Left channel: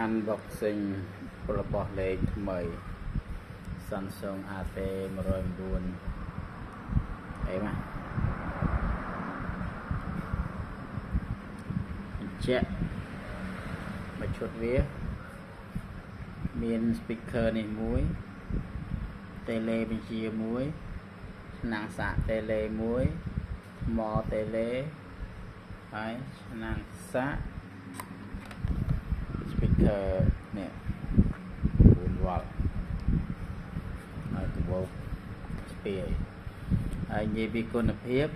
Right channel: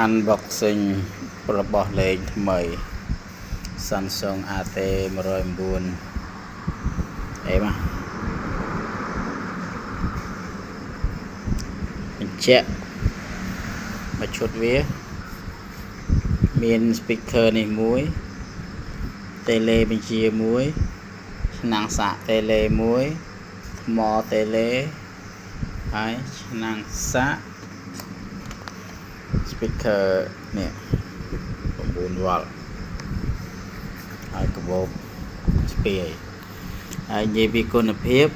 unboxing របស់លេខថ្មី Samsung AT109 អីមកបញ្ជាក់មកឈុតវាមាន speaker នេះមួយ tele បញ្ជាមួយ ឆ្នាំងសាក tele មួយថ្ម tele ហើយឆ្នាំងសាក speaker នេះ9 វ៉ុលហើយកាបូបស្ពាយហើយនិយាយពីគុណភាព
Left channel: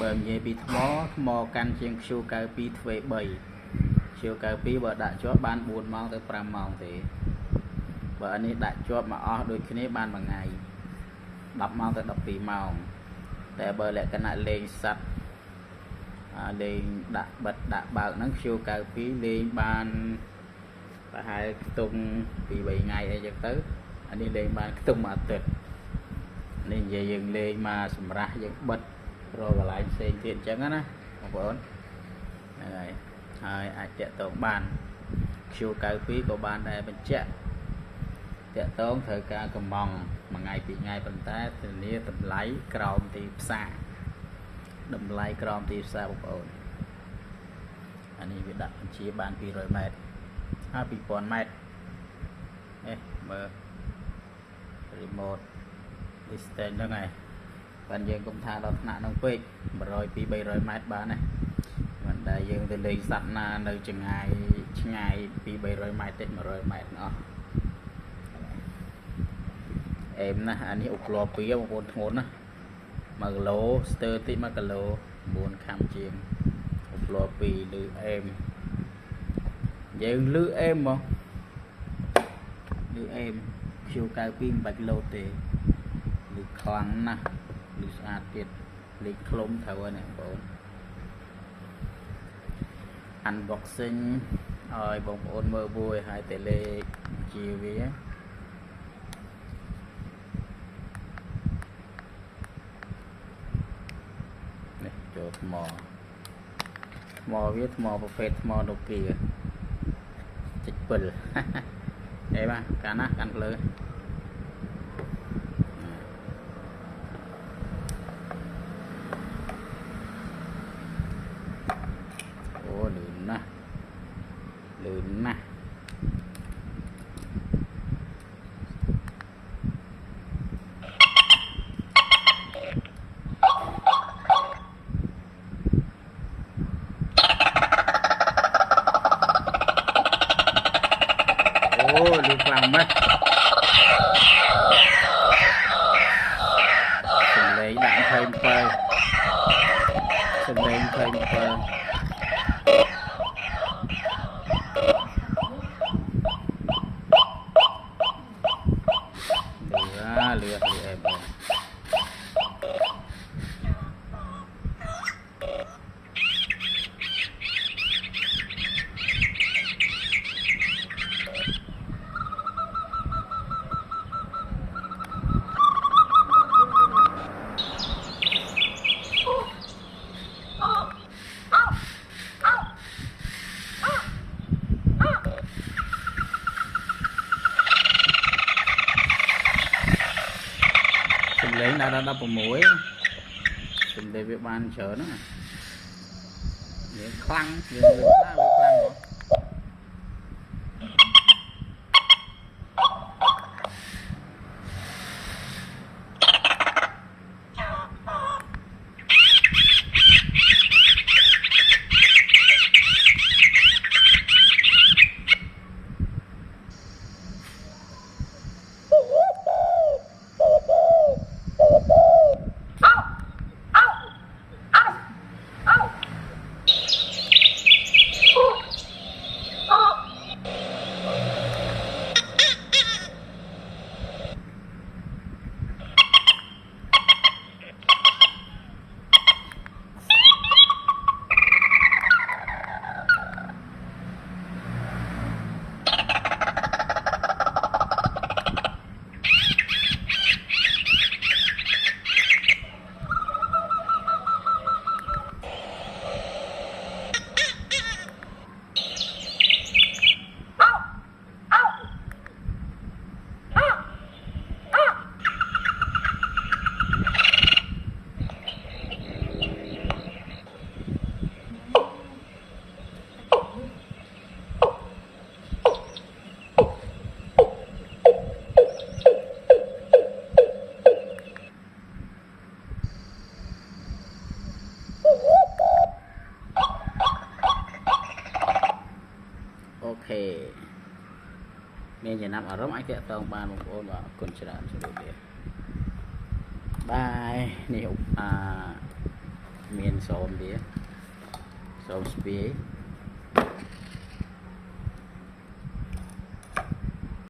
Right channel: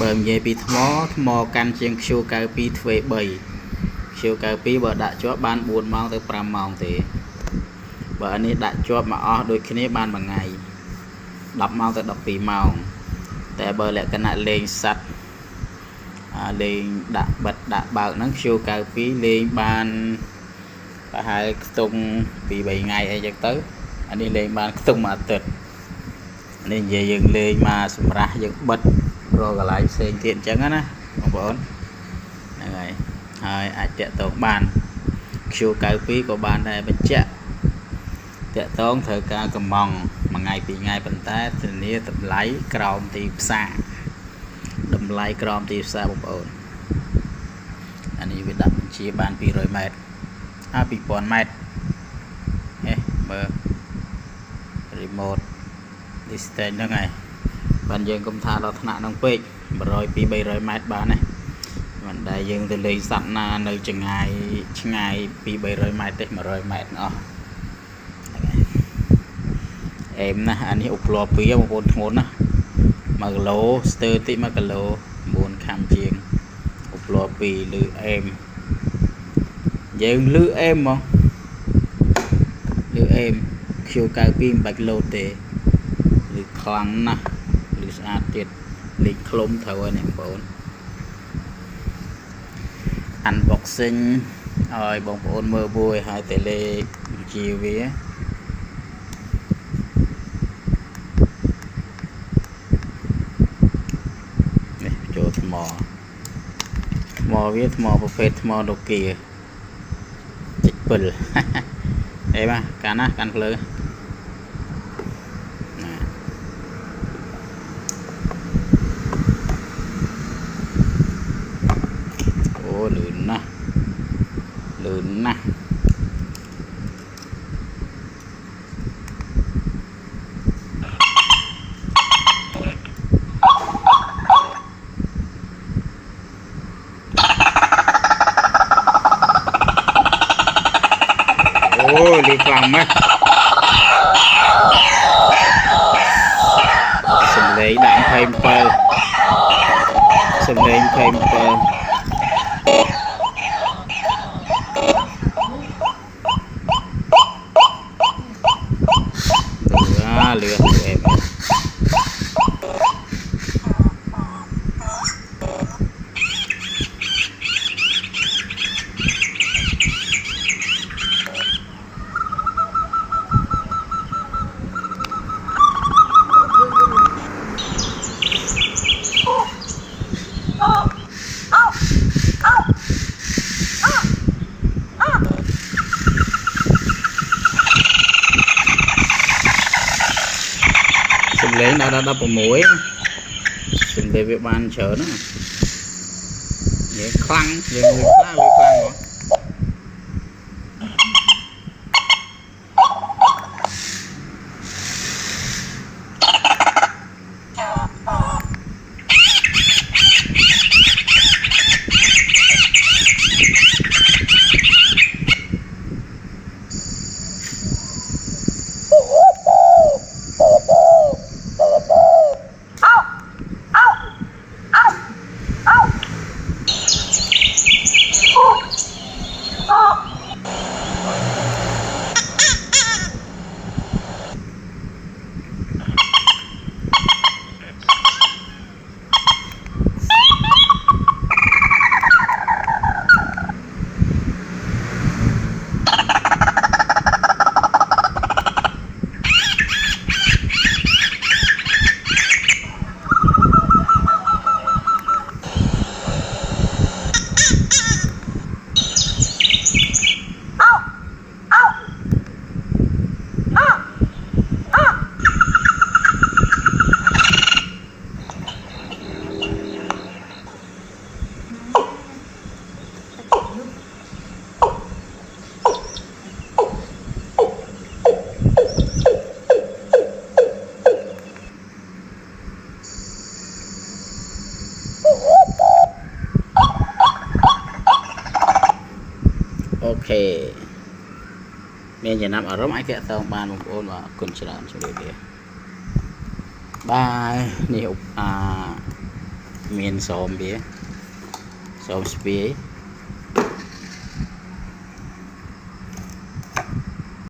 បើនិយាយពីថ្មកាន់ជាង Q92 ទ្វេ 3 Q92 បើដាក់ជាប់បាន 4 ម៉ោងទៅ 5 ម៉ោងទេបើអានេះដាក់ជាប់មកអស់ដូចគ្នាបានមួយថ្ងៃ 10 ម៉ោងទៅ 12 ម៉ោងតែបើលក្ខណៈលេងសัตว์លេងដាក់បិទដាក់បើកហ្នឹង Q92 លេងបានប្រហែលខ្ទង់ពី 3 ថ្ងៃអីចឹងទៅអានេះលេងបានខ្ទង់មួយអាទិត្យនេះនិយាយយើងលេងមកសម្រាប់យើងបិទរកកន្លែងផ្សេងទៀតអញ្ចឹងណាបងប្អូនហ្នឹងហើយអាចតាក់ទងបាន Q92 ក៏បានដែរបញ្ជាក់តាក់ទងត្រូវការកំងមួយថ្ងៃពីរថ្ងៃប៉ុន្តែធានាតម្លៃក្រោមទីផ្សារតម្លៃក្រោមទីផ្សារបងប្អូនអានេះវាដាក់បញ្ជាបាន 200 ម៉ែត្រ 2000 ម៉ែត្រមើល remote distance ហ្នឹងហើយបានយើងកុំថាដល់ថ្នាក់ហ្នឹងពេក 100 200 300 ម៉ែត្របានទេមិនដែលយើងទៅលេងសត្វណានៅឆ្ងាយ 200 300 ម៉ែត្រទេ 100 ម៉ែត្រអស់អេមណាអានេះឧបលពីបងប្អូនធ្ងន់ណា1 គីឡូស្ទើរតិច1 គីឡូ 9 ខាំជាងឧបលពីលឺអេមយើងលឺអេមហ្មងលឺអេម Q92 មិនបាច់លោតទេលឺខ្លាំងណាស់លឺស្អាតទៀតលេខខ្លុំត្រូវហើយអ្នកបងប្អូន unboxing ឲ្យបងប្អូនមើលមួយហើយតែលេខបញ្ជាវានេះចូលថ្មវាថ្មប្រភេទថ្មណូគី7អីបាទកាន់ណាកាន់ភ្លើអូលឿនណាស់អូលឺខ្លាំងម៉េចសំឡេងដាក់27សំឡេង27លឿនអេមសំឡេងដល់16សំឡេងវាបានច្រើនណាយើងខ្លាំងយើងលឺខ្លាំងហ្មង ok មានចំណាប់អារម្មណ៍អាចតាក់ទងបានបងប្អូនបាទគុណច្រើនជម្រាបលាបាយនេះមានសមវាសមស្ពាយ